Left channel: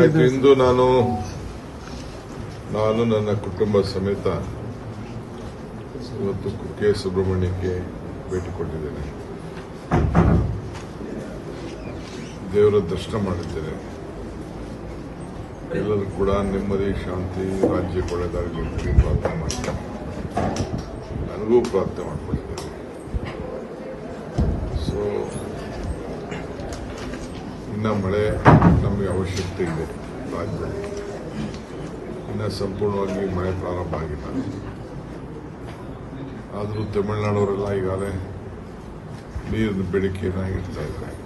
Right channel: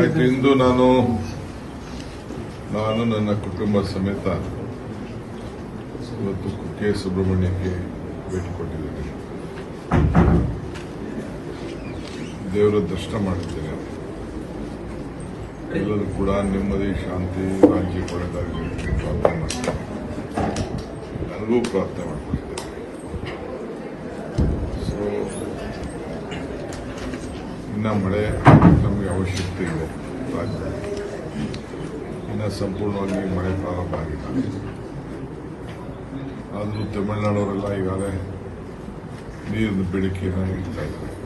ಆಯ್ತು, ಇಂದು ನಾನು ನಾನು ನನ್ನ ಕುಟುಂಬ ಸಮೇತ ಇವತ್ತು ಕುಕ್ಕೆ ಸುಬ್ರಹ್ಮಣ್ಯಕ್ಕೆ ಭೇಟಿ ಕೊಟ್ಟಿದ್ದೇನೆ. ದೇವರ ದರ್ಶನ ಮಾಡಿದ್ದೇನೆ ಎಲ್ಲರೂ ಕೂಡ ನೆಮ್ಮದಿ, ಶಾಂತಿ ರಾಜ್ಯ ಒಳ್ಳೆದಾಗಲಿ ಅಂತ ಪ್ರಾರ್ಥನೆ ಮಾಡ್ತೀನಿ. ನನಗೂ ಪ್ರಾರ್ಥನೆ ಮಾಡ್ತಿದ್ದೇನೆ ಸೊ ಇನ್ನ ಮಳೆ ನಮಗೆ ಅವಶ್ಯಕತೆ ಇದೆ. ರಾಜ್ಯದಲ್ಲಿ. ಇನ್ನ ಸಂಪೂರ್ಣವಾಗಿ ಮಳೆ ಪ್ರಾರಂಭ ಆಗಿದೆ. ಆದರೂ ತಮಿಳುನಾಡವರೆಲ್ಲ ಈಗಾಗಲೇ ನೀರಿನ ಬೇಡಿಕೆಯನ್ನು ಇಡ್ತಾ ಇದ್ದಾರೆ.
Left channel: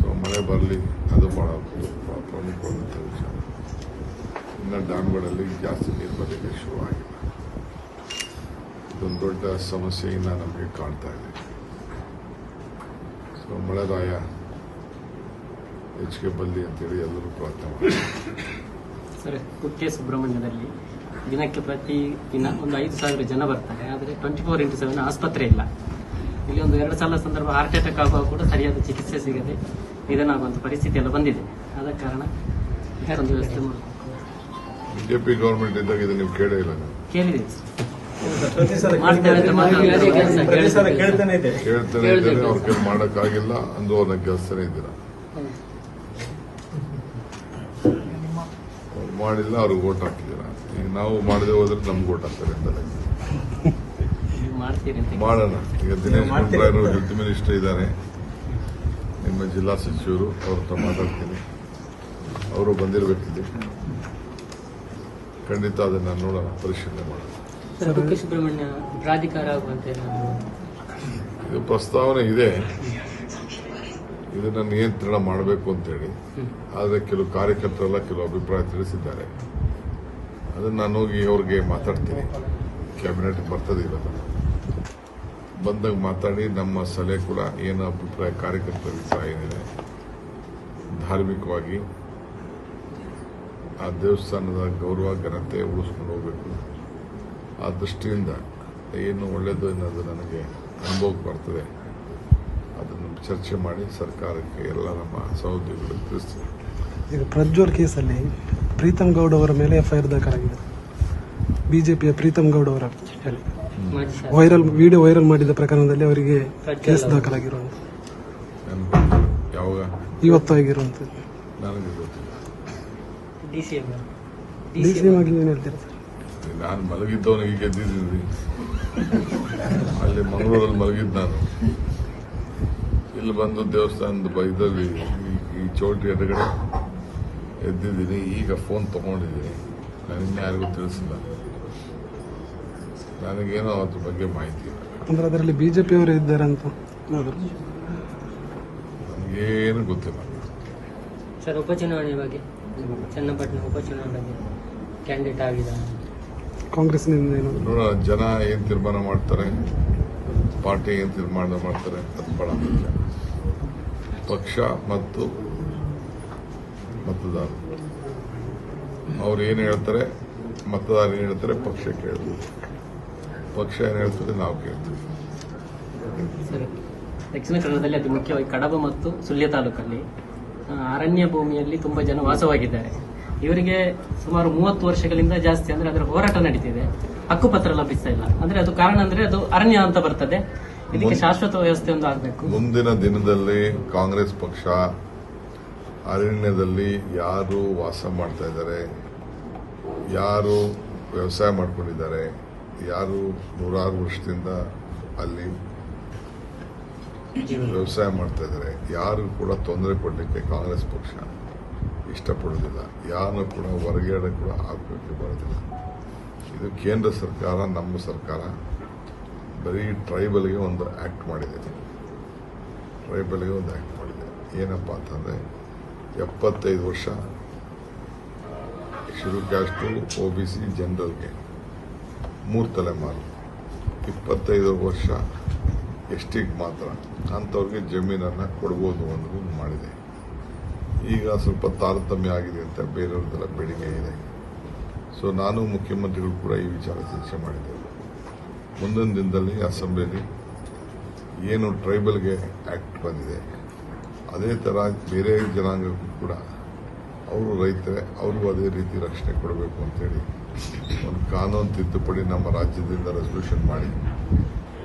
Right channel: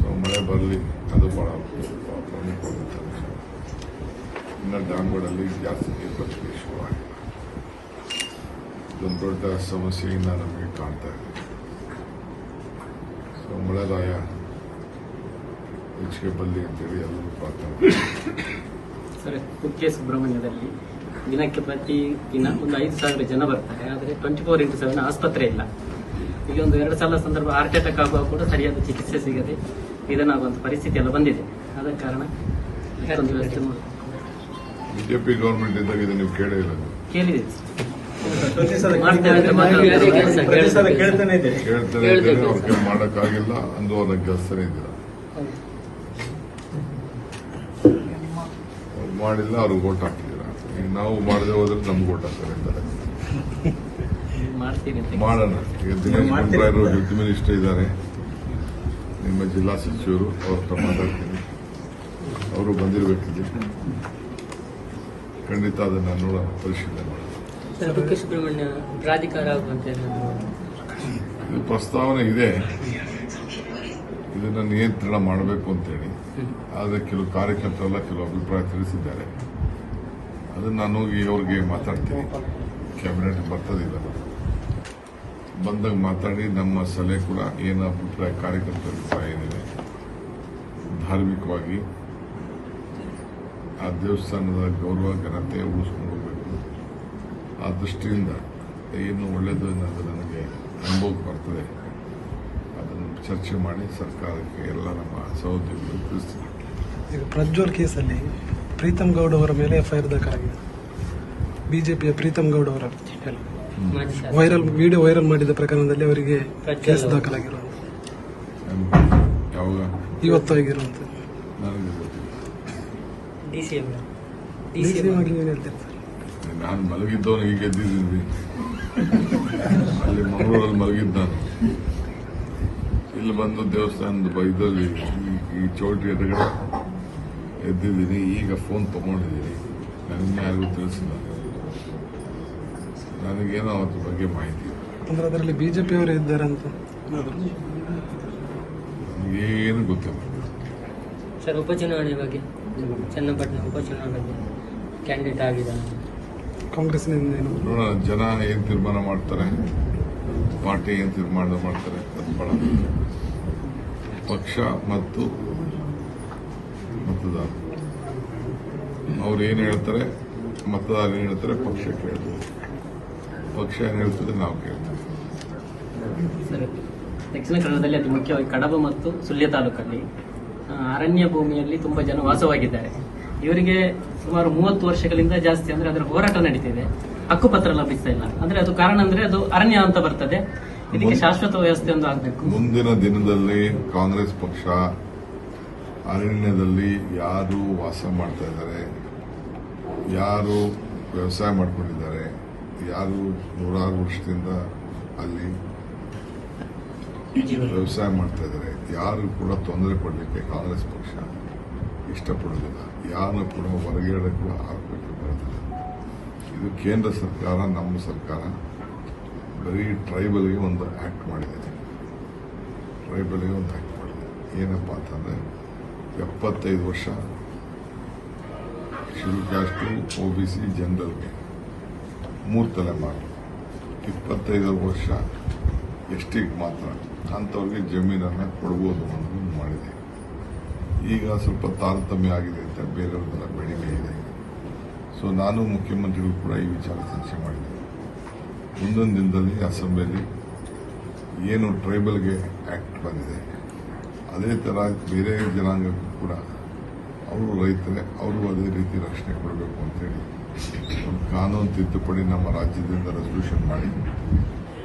ಸೊ ಮಳೆ ಬರಲಿ, ಅದು ಬಹಳ ಪ್ರಮುಖವಾದಂಥ ವಿಷಯ ಇನ್ನು ಡ್ಯಾಮ್ಗಳಲ್ಲಿ ಜಾಸ್ತಿ ನೀರು ಬರಲಿಕ್ಕೆ ಶುರುವಾಗಿದೆ. ಇದೊಂದು ದೊಡ್ಡ ಸಮಸ್ಯೆಯಿಂದ ನಮಗೆ ಕಾಣ್ತಾ ಇದೆ. ಸೊ ಮಳೆರಾಯ ಹೆಚ್ಚಿಗೆ ಬರಲಿ ಅಂತೇಳಿ ಎಲ್ಲರೂ ಪ್ರಾರ್ಥನೆ. ಸರ್ ಕುಕ್ಕೆ ಸುಬ್ರಹ್ಮಣ್ಯದಲ್ಲಿ ದಿನಕ್ಕೆ ಪ್ರತಿ ದಿನ ಒಂದು ಐದು ಸಾವಿರ ಜನ ಬರ್ತಾರೆ ಆದರೆ ಟ್ವೆಂಟಿ ಫೋರ್ ಇಂಟು ಸೆವೆನ್ ಆಸ್ಪತ್ರೆ ಇಲ್ಲ. ಈಗ ಒಂದು ಎರಡು ಸಲ ಸಂದರ್ಭ ಹಾರ್ಟ್ ಅಟ್ಯಾಕ್ ಆಗುವಾಗ ಕೂಡ ಸರಿಯಾದ ಚಿಕಿತ್ಸೆ ಸಿಗದೆ ನಿಧನಾಗುವಂತ ಪರಿಸ್ಥಿತಿ ಎಲ್ಲ ಬಂದಿದೆ. ಆದ ಕಾರಣ ಬಿಜೆಪಿ ಗೌರ್ಮೆಂಟ್ ಇದ್ದಾಗ ಇದನ್ನು ನೀವು ಕೇಳೇ ಇರೋದು. ಕೇಳಿದೆ. ಇದ್ದೇನೆ ಅವ್ರ ಕೈ ಮಾಡೋಕ್ಕಾಗಿಲ್ಲ ಅಂದು ಅದಕ್ಕೆ ಕೆಲಸನೇ ಇದ್ದಿಲ್ಲ ಅವ್ರು ಮಾಡಿಲ್ಲ ಅವ್ರಿಗೆ ಓಟ್ ಹಾಕಿಲ್ಲ ಈಗ ನಾವು ಮಾಡದೆ ಹೋದ್ರೆ ನಮ್ಗೆ ಓಟ್ ಹಾಕ್ತಾರೆ ಮಾಡೋಣ. ಈಗ ದಿನೇಶ್ ಗುಂಡ್ರಾಯರು ವಿತ್ ಮಿನಿಸ್ಟರ್ ಇದ್ದಾರೆ. ನಿಮ್ಮ ಜಿಲ್ಲಾ ಸಚಿವರು ಅವರು ತಮ್ಮ ಮಾತಾಡ್ತೀನಿ ಅವರು ಬಂದಿರಬೇಕಿದೆ. ಖಂಡಿತ ಅದನ್ನ ನೋಡೋಣ ಪರಿಶೀಲನೆ ಮಾಡೋಣ ಸುಬ್ರಹ್ಮಣ್ಯ ಪ್ರಾಧಿಕಾರ ಆಗುವಂತೆ ಇದು ಪ್ರಸ್ತಾವನೆ ಇದೆ. ಇದನ್ನ ನಿಯಂತ್ರಣ ಮಾಡಬೇಕು ಅಂತೇಳಿ ಆದರೆ ಕೆಲವು ಕಾರ್ಯಕರ್ತರೆಲ್ಲ ಕೆಲವು ಅಭಿಪ್ರಾಯ ತಿಳಿಸಿದ್ದಾರೆ. ಅದನ್ನ ನಾನು ಹೋಗಿ ಅವ್ರಿಗೆ ಮಾತಾಡ್ತೀನಿ. ಕ್ಯಾಬಿನೆಟ್ ಬರ್ತದಿಲ್ಲ. ಬಂದಾಗ ಮಾತಾಡಿ, ನಮ್ಮ ಸಲಹೆ ಕೂಡ ಏನು ಅಭಿಪ್ರಾಯ ಕಾರ್ಯಕರ್ತರ ಸಹ ಏನಿದೆ. ಧಾರ್ಮಿಕವಾಗಿ ಆ ದೇವಸ್ಥಾನದ ಗೌರವ, ಘನತೆ ಉಳಿಸ್ಕೊಂಡು ಹೋಗಬೇಕು. ಆ ದೃಷ್ಟಿಯಿಂದ ಏನು ಒಳ್ಳೆಯದು ಅನ್ನೋದು ನನಗೆ ಅನುಭವಕ್ಕೆ ಬರ್ತದೆ. ಅದನ್ನು ಚರ್ಚೆ ಮಾಡಿ ಸರ್ಕಾರಕ್ಕೆ ಎಲ್ಲ ನಮ್ಮ ಸಹೋದ್ಯೋಗಿಗಳು ತಿಳಿಸ್ತೀವಿ ಈಗ ಪ್ರಜ್ವಲ್ ಕೇಸಲ್ಲಿ ಪ್ರೀತಮ್ ಗೌಡ ಅವರ ಮೇಲೆ ಎಫ್ಐಆರ್ ದಾಖಲಾಗಿದೆ ಬಿಜೆಪಿಯ ಪ್ರೀತಮ್ ಗೌಡ ಅವರ ವೈರಲ್ ವಿಡಿಯೋ ವೈರಲ್ ಮಾಡಿದ ಪ್ರಕರಣದಲ್ಲಿ ಅವರಿಗೆ ಕೇಸ್ ದಾಖಲಾಗಿದೆ ಯಾವಾಗ? ಇವತ್ತು ಆಗಿರುವಂಥದ್ದು ನನಗೆ ಗೊತ್ತಿಲ್ಲ ಡಿಸಿಎಂ ಡಿ ಸಿ ಎಂ ಆಗಿ ಏನು ಹೇಳ್ತಾರೆ? ನಾನು ಮಲಗಿದ್ದವನಿಗೆ ಈಗ ಅಲ್ಲಿ ಮಂಗಳೂರಲ್ಲಿ ಮಲಗಿದ್ದ ನಾನು. ಇಲ್ಲಿ ಬಂದು ದೇವಸ್ಥಾನದ ಬೈದಲ್ಲಿ ಈ- ಚೌಟಿ ಎದುರುಗಡೆ ಎದ್ದಿದ್ದೀನಿ. ಈಗ ಫೋನ್ ತಗೊಂಡಿದ್ದೀನಿ. ನನ್ನ ಯಾರಿಗೂ ತಿಳಿಸಿಲ್ಲ. ನನಗೇನೋ ಅದ್ರ ಬಗ್ಗೆ ಮಾಹಿತಿ ಇಲ್ಲ. ಅಂದ್ರೆ ಅದರಲ್ಲಿ ಬಿಜೆಪಿ ಅವರು ಇದ್ದಾರೆ ಅಂತ ಏನು ಗೊತ್ತಿಲ್ಲ. ಸರ್ ಉಪಚುನಾವಣೆ ಬಗ್ಗೆ ಚನ್ನಪಟ್ಟಣ ಉಪಚುನಾವಣೆ ಬಗ್ಗೆ ಕ್ಯಾಂಡಿಡೇಟ್ ಆಗಿದ್ದಾನೆ. ಕಾಂಗ್ರೆಸ್ ಜನ ಏನು ತೀರ್ಮಾನ ಮಾಡ್ತಾರೆ? ಪಾರ್ಟಿ ಏನು ತೀರ್ಮಾನ ಮಾಡ್ತಾರೆ, ಅದು ಪಕ್ಷ ಮತ್ತು ಮತದಾರ ಅವ್ರು ಏನು ಹೇಳ್ತಾರೆ? ಮತದಾರ ಏನು ಹೇಳ್ತಾರೆ? ಪಕ್ಷ ಕೇಳ್ತೀವಿ ಪಕ್ಷ ಏನು ಹೇಳ್ತದೆ? ನಾವು ಕೇಳ್ತೀವಿ. ದಕ್ಷಿಣ ಕನ್ನಡದಲ್ಲಿ ಅತಿ ಮುಖ್ಯವಾಗಿ ಕಡಬ ಮತ್ತು ಸುಳ್ಯ ತಾಲೂಕಲ್ಲಿ ಅರಣ್ಯ ಭೂಮಿಯಲ್ಲಿ ತುಂಬಾ ಜನ ವಾಸವಾಗಿದ್ದಾರೆ. ಇವರಿಗೆ ಸುಮಾರು ಮೂವತ್ತು ವರ್ಷಗಳಿಂದ ಜಾಸ್ತಿ ಅಂದ್ರೆ ಅದರ ಹೋರಾಟ ನಡೀತಿದೆ. ಹಕ್ಕುಪತ್ರ ಲಭಿಸ್ತಾ ಇಲ್ಲ. ಅಂದ್ರೆ ಅದು ಕಾರಣ ಅಂದ್ರೆ ಅದು ಅರಣ್ಯ ಅಂತ ಬರ್ತದೆ. ಇದಕ್ಕೆ ಶಾಶ್ವತ ವ್ಯವಸ್ಥೆ ಒಂದು ಆಗಬೇಕು. ಮುಂದಿನ ದಿನದಲ್ಲಿ ಕಾಂಗ್ರೆಸ್ ಪಕ್ಷ ಅರಣ್ಯದಲ್ಲಿ ಯಾರು ವಾಸ ಮಾಡ್ತಾ ಇದ್ದಾರೆ ಯಾರು ವ್ಯವಸಾಯ ಮಾಡ್ಕೊಂಡಿದ್ದಾರೆ ಯಾರು ನೂರಾರು ವರ್ಷದಿಂದ ಅಲ್ಲಿ ವ್ಯವಸಾಯ ಮಾಡ್ತಾ ಇದ್ದಾರೆ ಯಾರು ಕೂಡ ತೊಂದರೆ ಕೊಡಲಿಕ್ಕೆ ಕಾಂಗ್ರೆಸ್ ಪಕ್ಷ ಇಷ್ಟಪಡುವುದಿಲ್ಲ. ಯಾರು ಕೂಡ ಹೊರಗಡೆ ಕೂಡ ಬರೋದಿಲ್ಲ. ಇದು ಕೇಂದ್ರ ಸರ್ಕಾರ, ನಮ್ಮ ಸರ್ಕಾರ ಬರೀ ಟ್ರೈಬಲ್ಗೆ ಒಂದು ಆಕ್ಟ್ ಮಾಡಿದೆ. ಟ್ರೈಬಲ್ಗೆ ಒಂದು ಆಕ್ಟ್ ಮಾಡಿದೆ. ಏನಪ್ಪ ಅಂತಂದ್ರೆ ಎಪ್ಪತ್ತೈದು ವರ್ಷ ಶುರು ಕಾಸ್ಟು ಒ ಬಿ ಸಿ ಜನರಲ್ಗೆ ಮೂರು ತಲೆಮಾರು ಇಪ್ಪತ್ತೈದು ವರ್ಷ ಎಷ್ಟಿಗೆ ಮಾತ್ರ ಅಂಥವ್ರಿಗೆ ಜಮೀನನ್ನು ಕೊಡ್ಬೋದು ಅಂತ ಮಾಡಿದೆ. ಈಗ ಸ್ವಲ್ಪ ತಾರತಮ್ಯ ಆಗಿದೆ ಅಂತ ಬೇರೆಯವ್ರದ್ದೆಲ್ಲ ಬೇಡಿಕೆ ಇದೆ. ಸೊ ನಾನು ಮುಖ್ಯಮಂತ್ರಿಗಳು ಕೂಡ ಈ ವಿಚಾರ ಚರ್ಚೆ ಮಾಡಿದ್ದೆ. ಮುಂದೊಂದು ದಿನದಲ್ಲಿ ಅಸೆಂಬ್ಲಿಯಲ್ಲಿ ಏನು ಟ್ರೈಬಲ್ಗೆ ಆಕ್ಟ್ ಬಂದಿದೆ ಅದೇ ಥರ ಬೇರೆ ಜನಾಂಗಕ್ಕೂ ಕೂಡ ಅವರು ರೈತರೇ ಅವರು ಅದೇ ರೀತಿ ರಕ್ಷಣೆ ಕೊಡಬೇಕು ಅಂತೇಳಿ ಒಂದು ಕಾನೂನು ತಿದ್ದುಪಡಿ ನಮ್ಮ ರಾಜ್ಯದಿಂದ ರೆಸಲ್ಯೂಷನ್ ಮಾಡಿ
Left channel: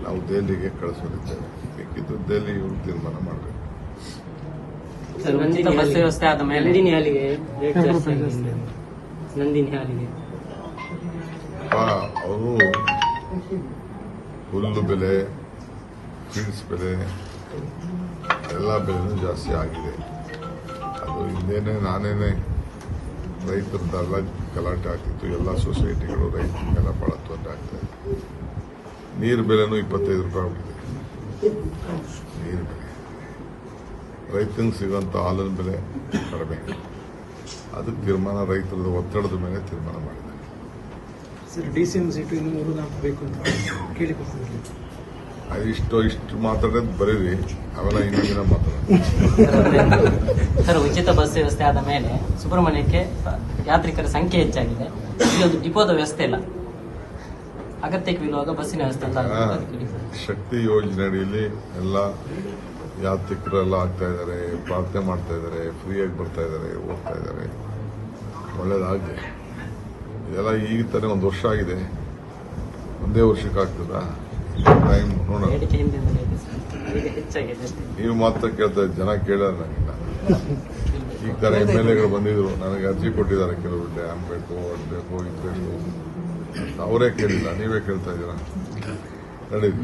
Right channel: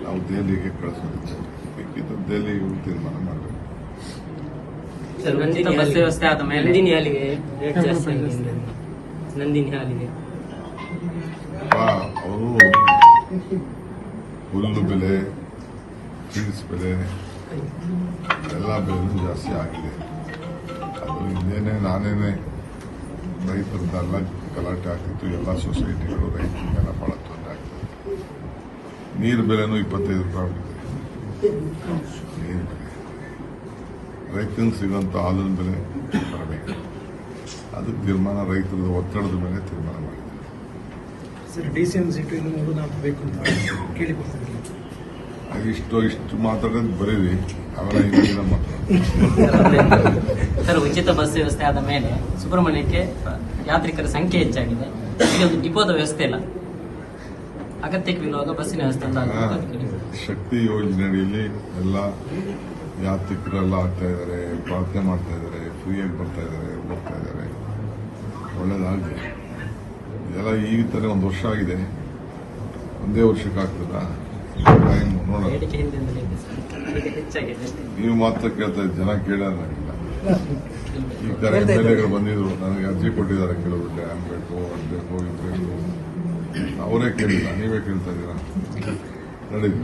ನಾವು ದೆಹಲಿಗೆ ಕಳಿಸೋದಿದ್ದೇವೆ ಬೇಕಿದ್ದು ದೆಹಲಿ ತೀರ್ಮಾನ ಮಾಡಬೇಕು. ಹಾಲಿಗೆ ನಂದಿನಿ ಹಾಲಿಗೆ ಅವರು ಹುಲ್ಲು ಬೆಲೆ ಚೀಸ್ ಬೆಲೆ ಎಲ್ಲ ಬೆಲೆನೂ ಜಾಸ್ತಿ ಆಗಿದೆ. ಅದು ಹಿಂದೇನೆ ನಾನೇನೆ ರೈತರದ್ದೆಲ್ಲ ಗಲಾಟೆ ಆಗ್ತಿತ್ತು. ಎಲ್ಲ ಸೊಸೈಟಿಗಳು, ರೈತರಿಗೆಲ್ಲ ಬಹಳ ತೊಂದರೆ ಆಗ್ತದೆ. ನೀರು ಬೆಲೆನೂ ಇಪ್ಪತ್ತೈದು ರೂಪಾಯಿ ಆಗಿದೆ. ನೀರು ಬೆಲೆ ರೈತನಿಗೆ ಸಿಗುವಂತ ಹಾಲಿನ ಬೆಲೆ ಬರಬೇಕು. ಅದಕ್ಕೆ ತೀರ್ಮಾನ ರೈತರ ಒತ್ತಡದ ಮೇಲೆ ತೀರ್ಮಾನ ಮಾಡಿದೆ ಸರ್ ಡಿ ಸಿ ಎಂ ಸಿಟಿಯಲ್ಲಿ ಮೂರು ಬೇಕು ಅಂತ ಕೇಳಿಕೊಡ್ತಿದ್ದೀನಿ ಅದು ಇಷ್ಟು ಇಷ್ಟು ಮಾತಾಡೋದು ಬರೀರಿ. ಅವೆಲ್ಲ ಹಿಂದಿನ ಮಾತಾಡೋದು. ಸರ್ ಉಚಿತ ಬಸ್ ವ್ಯವಸ್ಥೆ ಆದ ಮೇಲೆ ಸುಬ್ರಹ್ಮಣ್ಯಕ್ಕೆ ಯಾತ್ರಿಕರ ಸಂಖ್ಯೆ ಹೆಚ್ಚಾಗಿದೆ. ಈಗ ಒಂದು ಡಿಪೋದ ವ್ಯವಸ್ಥೆ ಇಲ್ಲ. ಅಗತ್ಯವಿರುವಾಗ ಬಸ್ಸಿನ ವ್ಯವಸ್ಥೆ ಇಲ್ಲ ಶಕ್ತಿ ಯೋಜನೆ ಅಡಿಯಲ್ಲಿ ಎಲ್ಲ ಯಾತ್ರಿಕರೆಲ್ಲ ಆಗ್ತಾ ಇದ್ದಾರೆ ಪ್ರಾರ್ಥನೆ ಮಾಡ್ತಾ ಇದ್ದಾರೆ ಫ್ರೀಯಾಗಿ ಬರ್ತಾ ಇದ್ದಾರೆ ಹೋಗ್ತಾ ಇದ್ದಾರೆ. ಒಳ್ಳೇದಾಗಲಿ. ಇದೆಲ್ಲ ಈಗ ತಾನೇ ಒಂದು ವರ್ಷ ಆಗಿದೆ. ಒಂದೇ ವರ್ಷಕ್ಕೆ ಆಗ್ತದಾ? ಟೈಮ್ ನೋಡೋಣ. ನೀವು ಮಾತ್ರ ಕೇಳ್ತಾ ಜನ ಕೇಳೋಣ ನನಗಿಲ್ಲ. ಈಗ ತರ ಎಂ ಎಲ್ ಎಗಳು ಬಂದಿದ್ರು ನನಗೆ ಅರ್ಜಿ ಕೊಟ್ಟಿದ್ದಾರೆ ಕೆಲವು ಡ್ಯಾಮ್ ಬೇಕು ಅದು ಬೇಕು ಇದು ಬೇಕು ಅವರೇ ಕೇಳಿಲ್ಲ ನೀವೇ ಕೇಳ್ತಾ ಇದ್ದೀರಾ? ನಡೀರಿ.